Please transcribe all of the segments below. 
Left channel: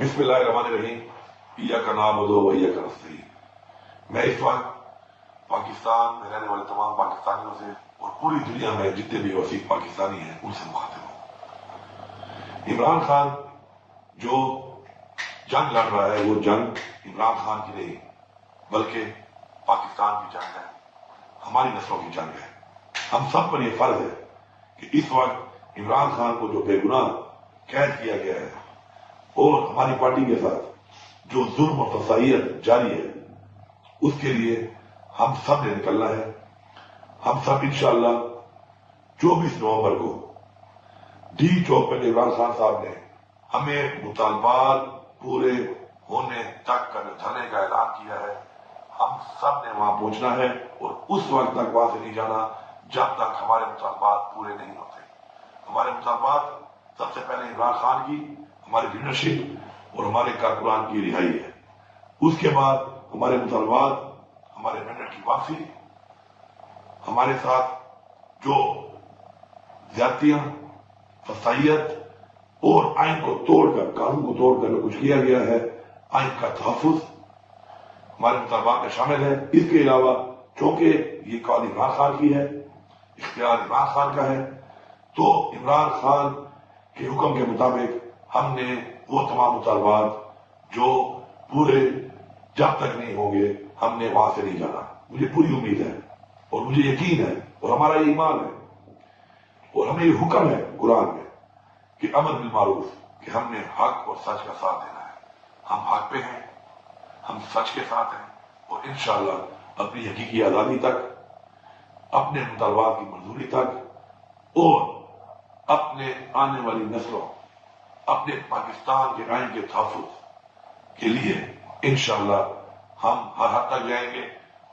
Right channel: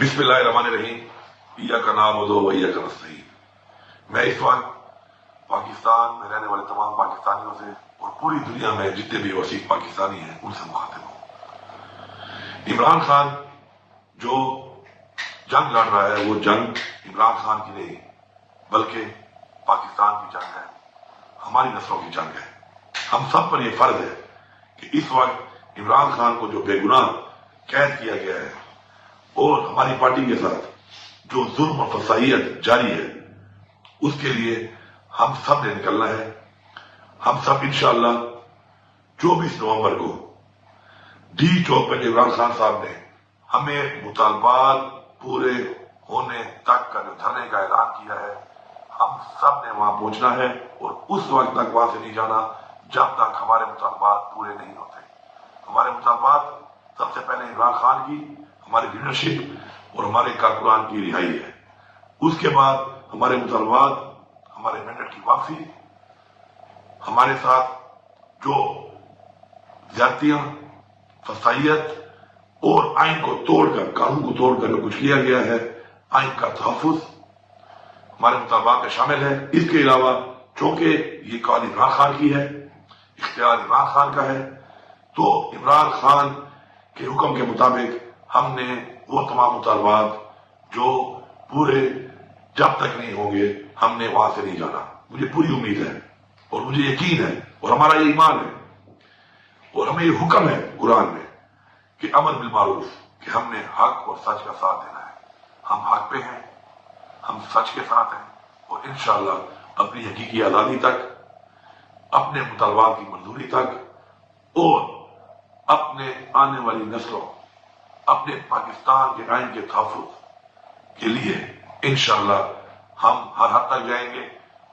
बिस्मिल्लाहिर्रहमानिर्रहीम। इय्याका नअबुदु व इय्याका नस्तईन। मैं इस वक्त पाकिस्तान में रहने वाले तमाम पाकिस्तानियों से और पूरी दुनिया में जितने भी वसीक पाकिस्तानी हैं उनसे मुखातिब हूँ। इमरान खान जो जंग लड़ रहा है वो जंग इमरान खान की नहीं बल्कि पाकिस्तान की जंग है, हमारी नस्लों की जंग है। हम सब पर यह फर्ज है कि इस वक्त इमरान खान को जो बेगुनाह कैद किया गया है और हमारी पार्टी के साथ जो जुल्म और फसाइयत जारी है उसके लिए हम सब ने निकलना है। हम सब इंशाअल्लाह 24 नवंबर को डी चौक पर इमरान खान साहब ने हमें मुतालबात पूरे होने तक का जो धरने का ऐलान किया है, हम सब ने वहां पहुंचना है और उस वक्त तक वहां से नहीं जाना जब तक हमारे मुतालबात पूरे नहीं होते। हमारे मुतालबात सबसे पहले इमरान खान की, हमारी लीडरशिप और हमारे कारकुनान की रिहाई है। उसके बाद हमारे मुतालबात, हमारे मेंडेट की वापसी, हमारे साथ जो ज्यादतियां, फसाइयत और आइन को तोड़कर, कानून को तोड़कर जो कुछ किया गया है, आइन का तहफ्फुज हमारे मुतालबात में शामिल है। इसके अलावा चूंकि ये कॉल इमरान खान की है, इख्तियार इमरान खान का है, तो इमरान खान के हुक्म के मुताबिक हमने वो तमाम मुतालबात जो पूरे जब तक नहीं होंगे हमने वहां से नहीं जाना। मुझे पूरी उम्मीद है और मुझे यकीन है और हमारा ये ईमान है और हमें ये हुक्म है कुरान में कि अमर बिल मारूफ, कि हमने हक और सच का साथ देना है। हम हक पे हैं, हम सच के साथ हैं और इंशाअल्लाह अपनी हकीकी आजादी तक, अपने मुतालबात की मंजूरी तक और अपने आने वाली नस्लों, अपने पाकिस्तान के आइन के तहफ्फुज के लिए इंशाअल्लाह हम हर हद तक जाएंगे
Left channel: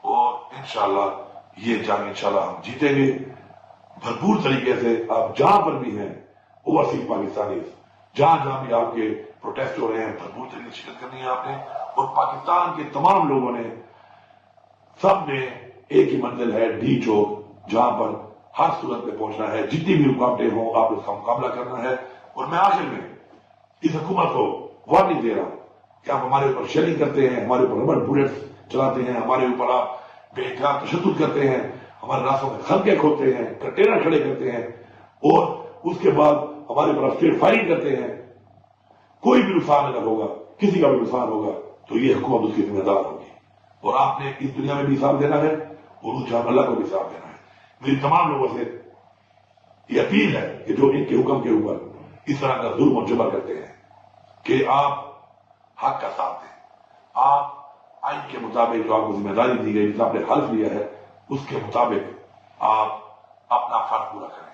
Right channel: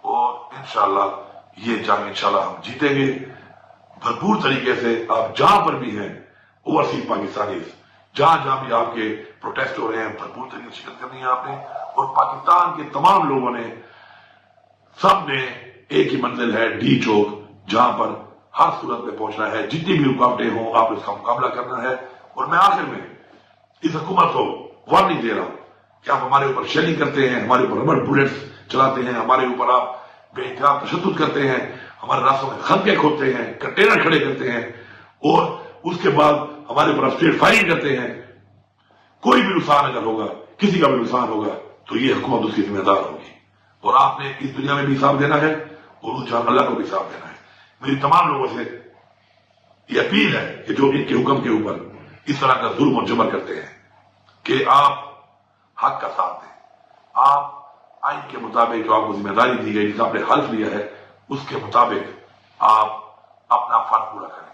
और इंशाअल्लाह ये जंग इंशाअल्लाह हम जीतेंगे भरपूर तरीके से। आप जहां पर भी हैं ओवरसीज पाकिस्तानी, जहां जहां भी आपके प्रोटेस्ट हो रहे हैं, भरपूर तरीके से शिरकत करनी है आपने। और पाकिस्तान के तमाम लोगों ने, सब ने एक ही मंजिल है, डी चौक, जहां पर हर सूरत में पहुंचना है। जितनी भी रुकावटें हों आप इसका मुकाबला करना है। और मैं आखिर में इस हुकूमत को वार्निंग दे रहा हूं कि आप हमारे ऊपर शेलिंग करते हैं, हमारे ऊपर रबड़ बुलेट्स चलाते हैं, हमारे ऊपर आप बेइंतहा तशद्दुद करते हैं, हमारे रास्तों में खंदके खोदते हैं, कंटेनर खड़े करते हैं और उसके बाद हमारे ऊपर स्ट्रीट फायरिंग करते हैं। कोई भी नुकसान अगर होगा, किसी का भी नुकसान होगा, तो ये हुकूमत उसकी जिम्मेदार होगी और आपने इस दुनिया में भी हिसाब देना है और उस जहां अल्लाह को भी हिसाब देना है। मेरी तमाम लोगों से ये अपील है कि जो इनके हुक्म के ऊपर इस तरह का जुल्म और जबर करते हैं कि आप हक का साथ दें, आप आइन के मुताबिक जो आपको जिम्मेदारी दी गई, जिसका आपने हल्फ लिया है, उसके मुताबिक आप अपना फर्ज पूरा करें।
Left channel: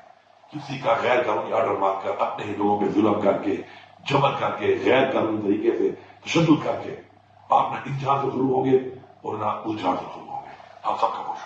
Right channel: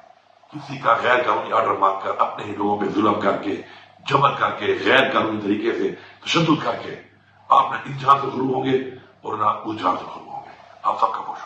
किसी का गैर कानूनी ऑर्डर मांगकर, अपने ही लोगों पे जुल्म करके, जबर करके, गैर कानूनी तरीके से तशद्दुद करके आप न इस जहां से जुल्म होंगे और न उस जहां से जुल्म होंगे। आप सबका बहुत